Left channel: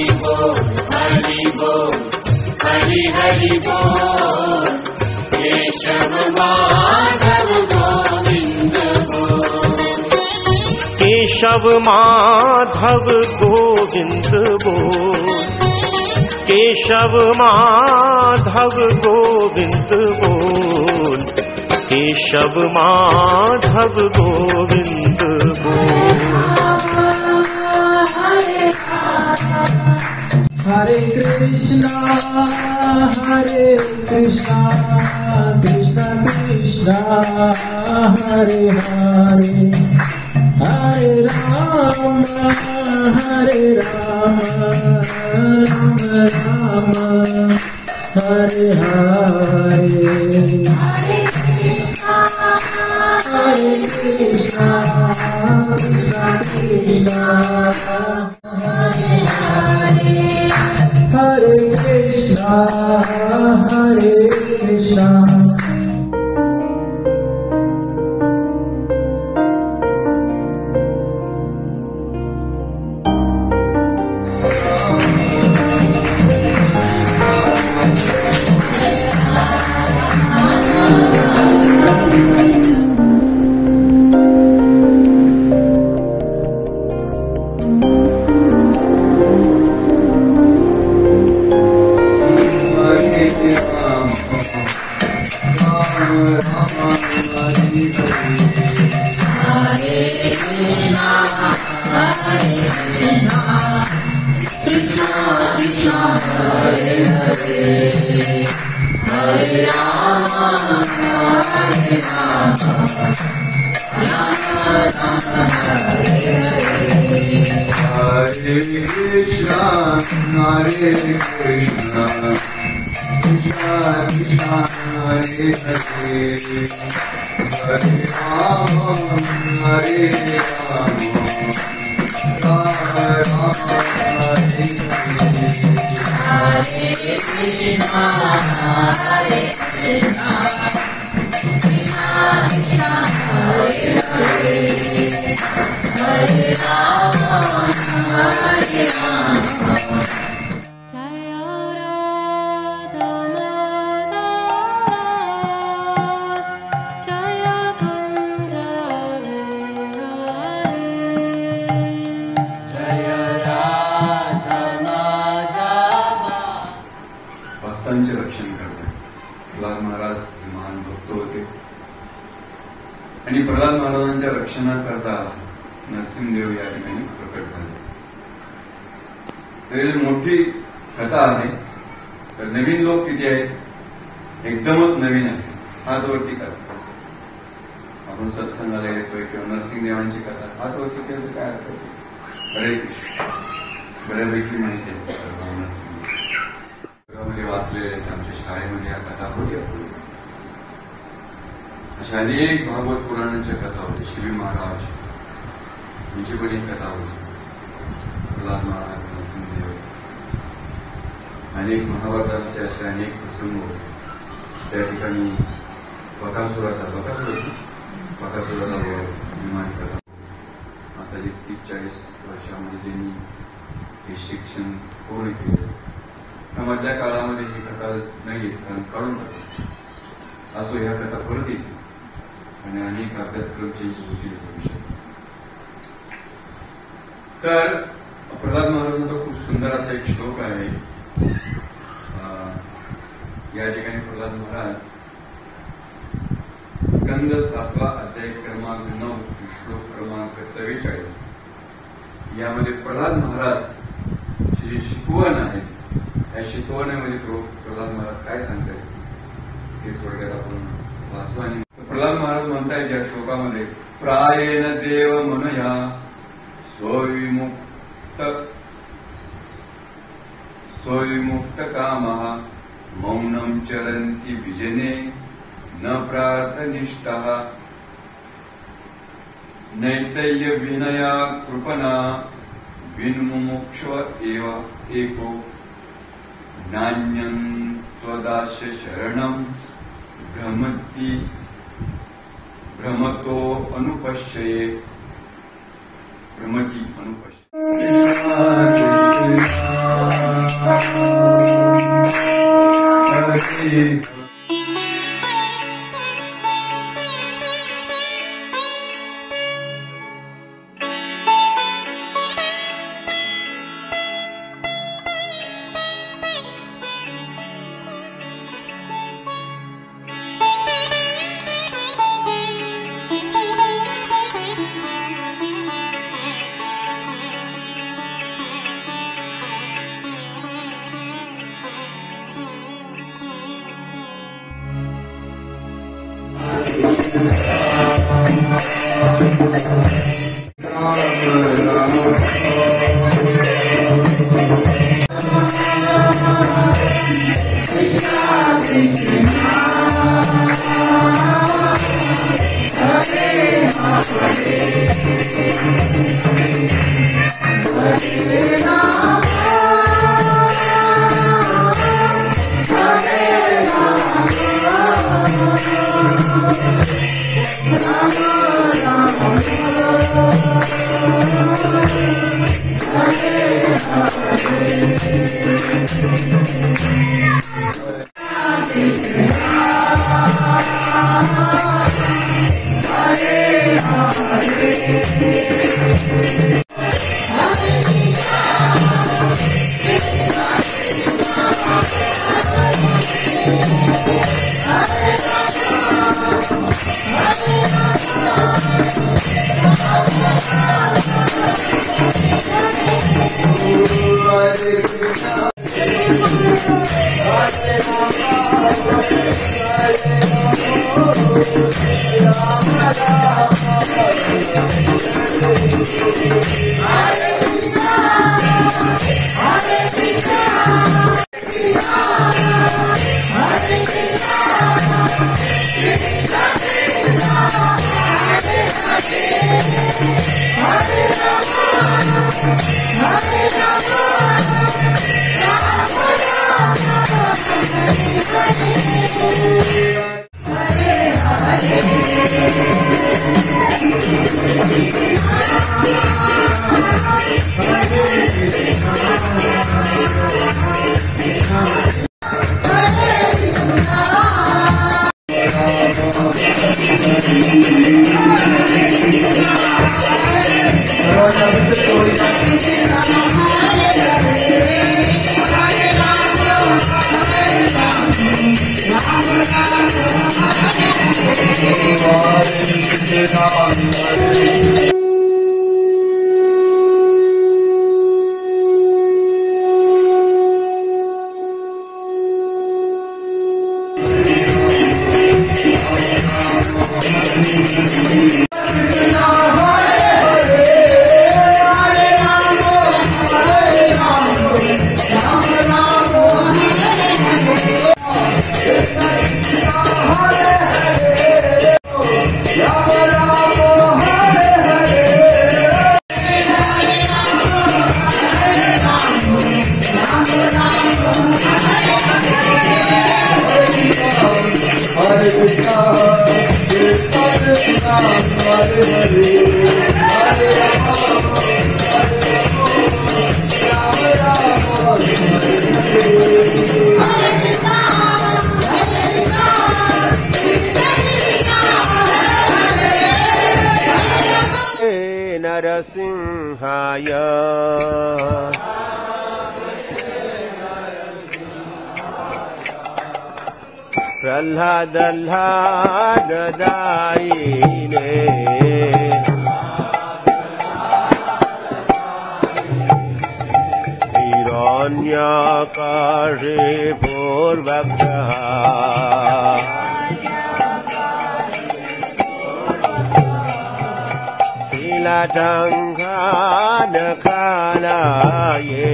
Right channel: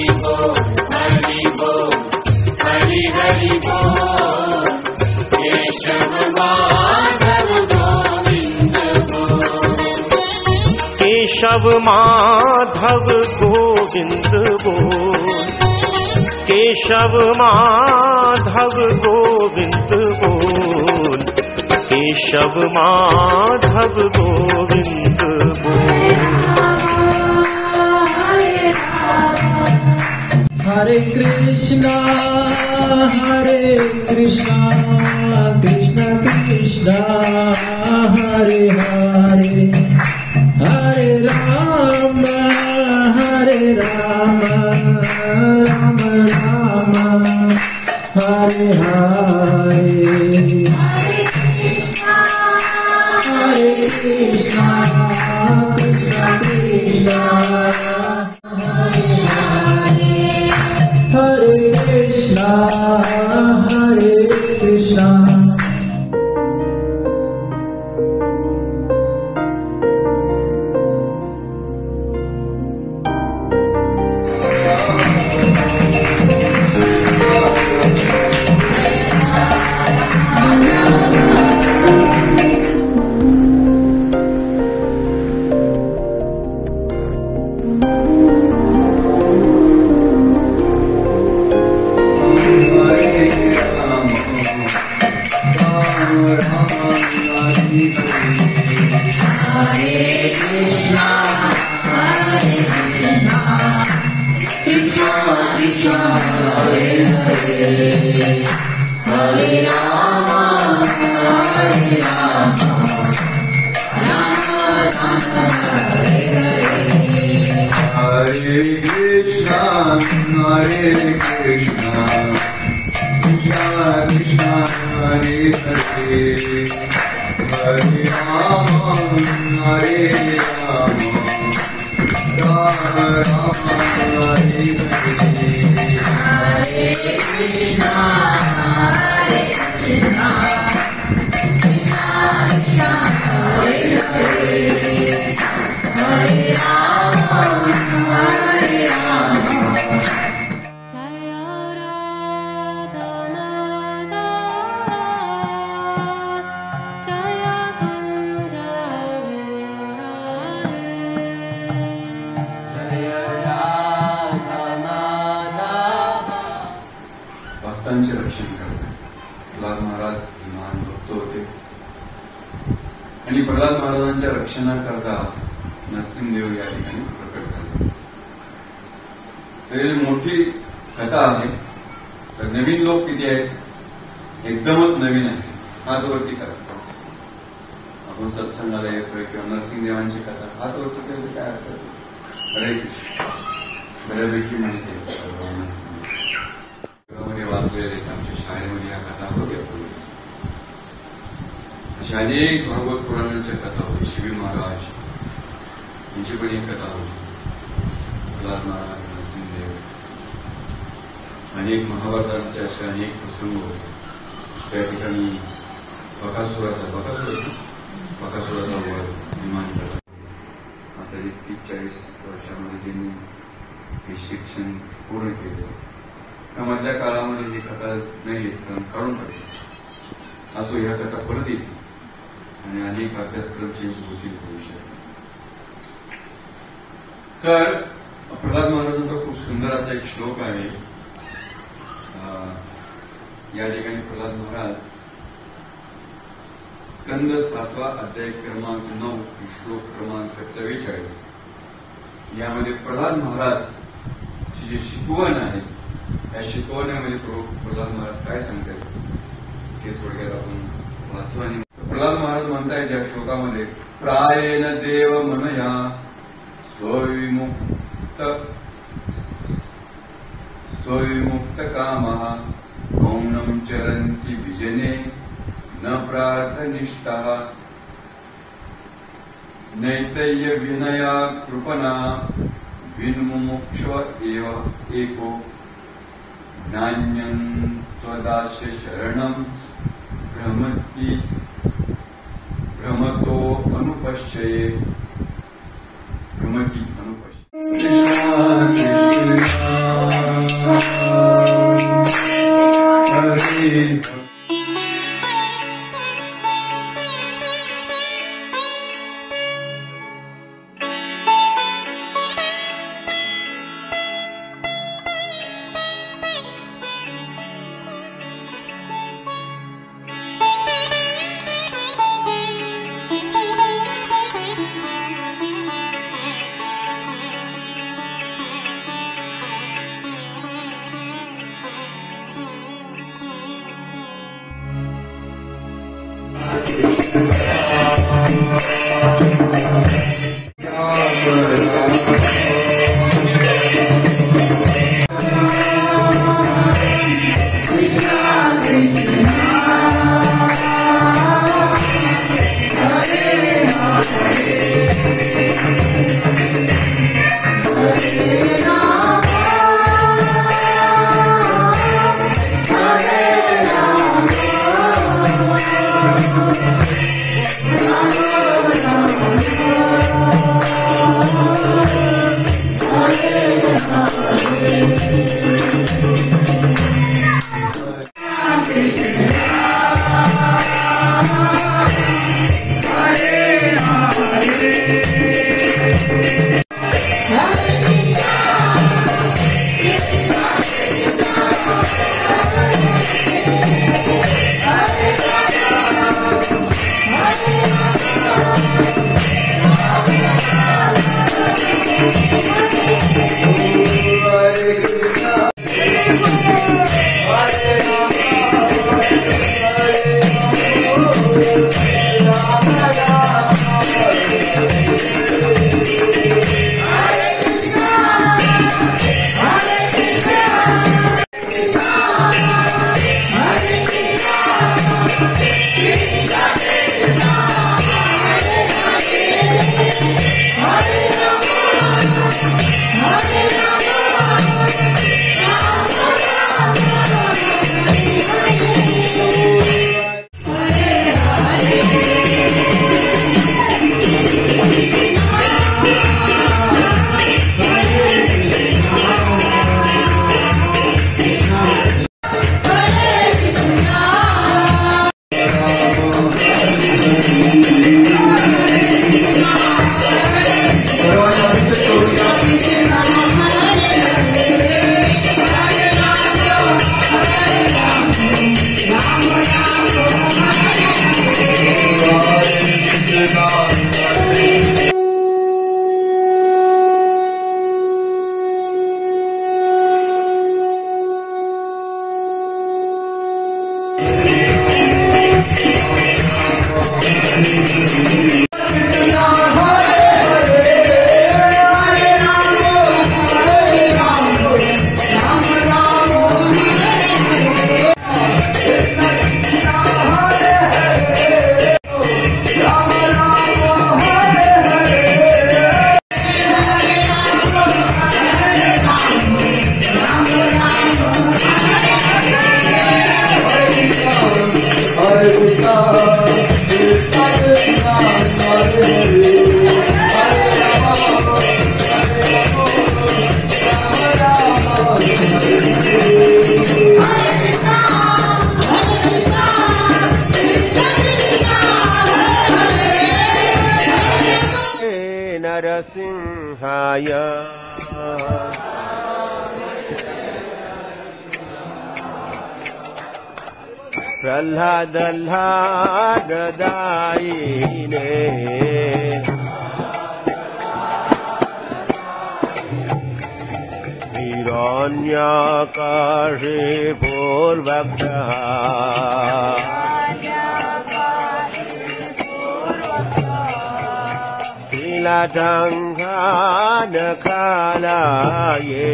हरि बोल, हरि हरि बोल, केशव माधव गोविंद बोल, केशव माधव गोविंद बोल, केशव माधव गोविंद बोल, केशव माधव गोविंद बोल। हरे कृष्णा कृष्ण कृष्ण हरे हरे, हरे राम राम राम हरे हरे, हरे कृष्णा कृष्ण कृष्ण हरे कृष्णा हरे कृष्णा। भक्तांचे रक्षण करणे प्रल्हाद महाराज हे महान भक्त होते आणि प्रल्हाद महाराजांच्या रक्षणाकरता नरसिंहदेव या ठिकाणी प्रकट झाले. तर मोठी कथा आहे. तर नवीन लोक किती आहेत? एकदमच नवीन आहे. हातवरती करा. आपण सत्संगाला येतोय किंवा नरसिंहदेवांची कथा हातवरती केली काय हरे बऱ्यापैकी माहिती आहे. वाचलेले आमच्या शाळेमध्ये या कथा होत्या. अशा अनेक भागवत पुराणांच्या कथा होती. शिवी महाराज यांची पण एक कथा होती. प्रल्हाद महाराज, नरसिंहदेव, अनेक महाभारतांचे असे अनेक प्रसंग होते. त्या ठिकाणी बकासुराचा वध निर्माण करा. आता 40 वर्षामध्ये त्यांनी हे शिक्षण पूर्ण केलं. मधल्या काळामध्ये ही कथा नाही कारण काढून टाकली असो. ह्या कथा पडली आणि अनेक अभ्यासक्रम चेंज होतील भविष्यात. तर प्रल्हाद महाराजांचा खूप सुंदर असा एक श्लोक आहे. या ठिकाणी प्रल्हाद महाराज स्कंद 7वा अध्याय क्रमांक 9 श्लोक क्रमांक 44 यामध्ये प्रल्हाद महाराज जी शिकवण आहे या शिकवण्यामध्ये प्रल्हाद महाराज काय सांगतात ते थोडक्यात आपण वाचू. आणि प्रल्हाद महाराज म्हणतायत या श्लोकामध्ये प्रायेण देव म्हणया स्वविमुक्त कामः मौनं चरन्ति विजने न प्रार्थनिष्ठः नैतय्य विनया कृपणा विन्मुमुक्ष एव एको ज्ञान्यं त्वदास्य शरणं भ्रमतो अनुपश्यते. नरसिंहाय प्रह्लाददायिने हिरण्याकाशे पूर्वग्रह शीलाटङ्कानखालाये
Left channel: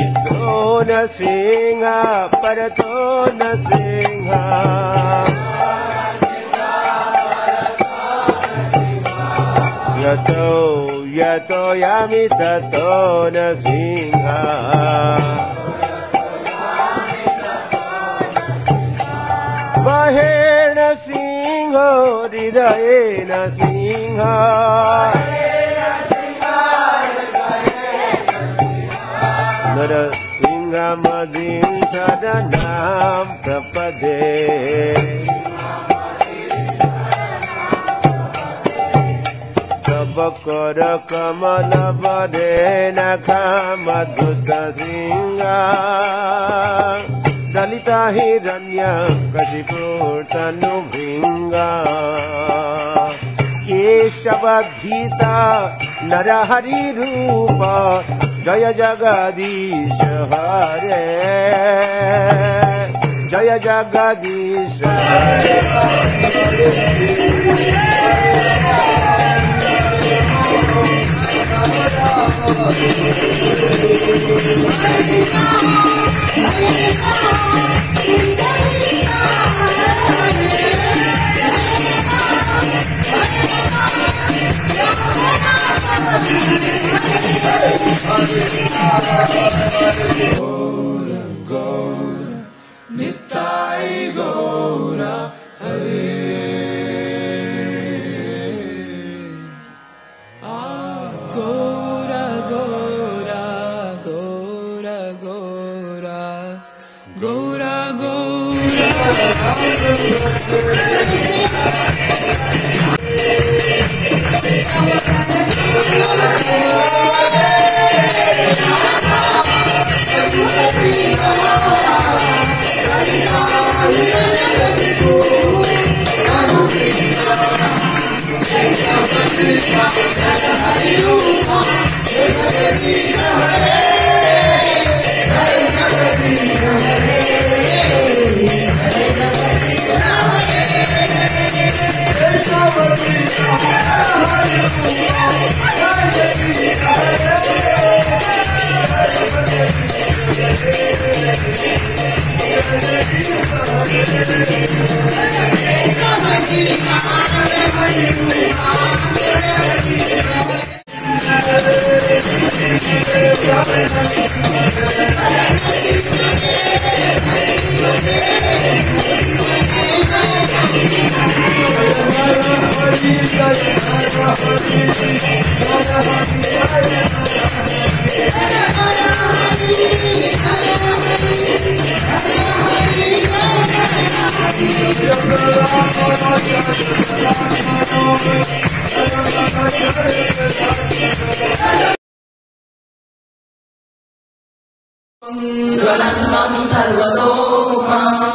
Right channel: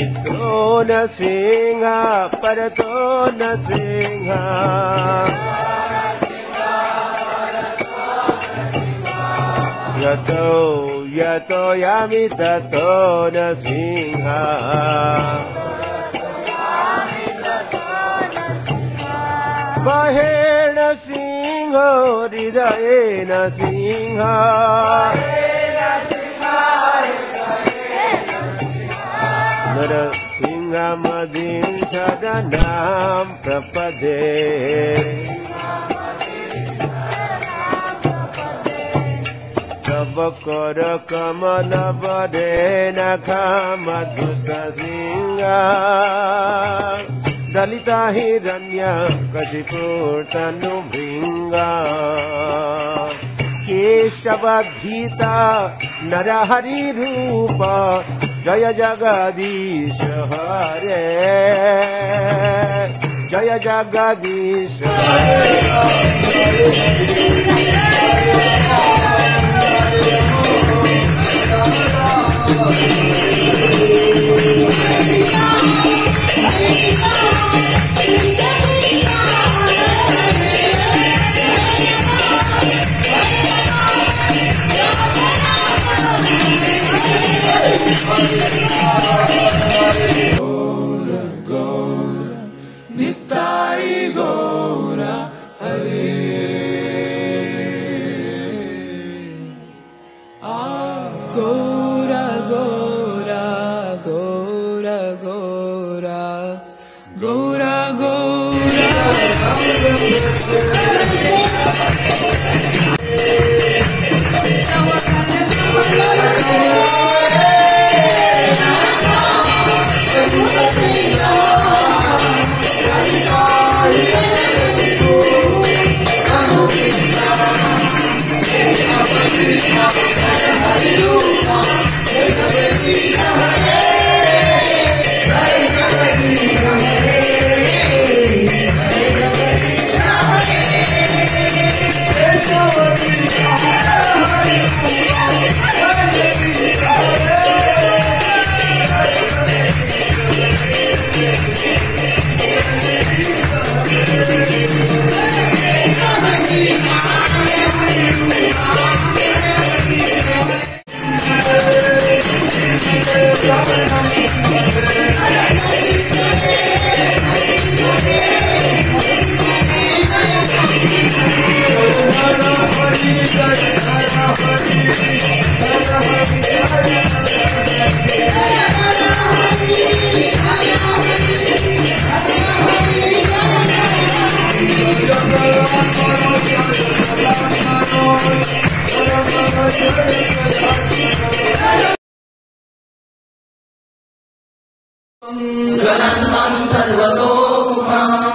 इतो न सिंह परतो न सिंह यतो यतो यामि ततो न सिंह बाहेण सिंह हृदयेन सिंह नरसिंहमदिं शरणं प्रपदे तव कर कमल बदे नखमधुत सिंह दलिता हिरण्य कशिपूर्तनु भृंगा केशवधीता नरहरि रूप जय जगदीश हरे जय Jagdish Nitai Gaura Hare Gaura Gaura Gaura Gaura Gaura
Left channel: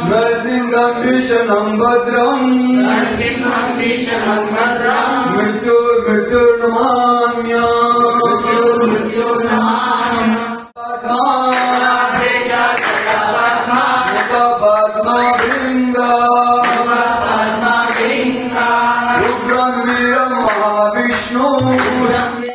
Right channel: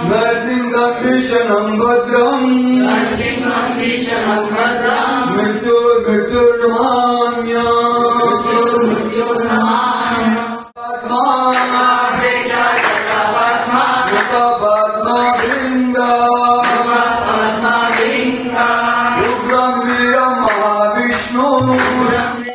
नरसिंहं भीषणं भद्रं महाविष्णु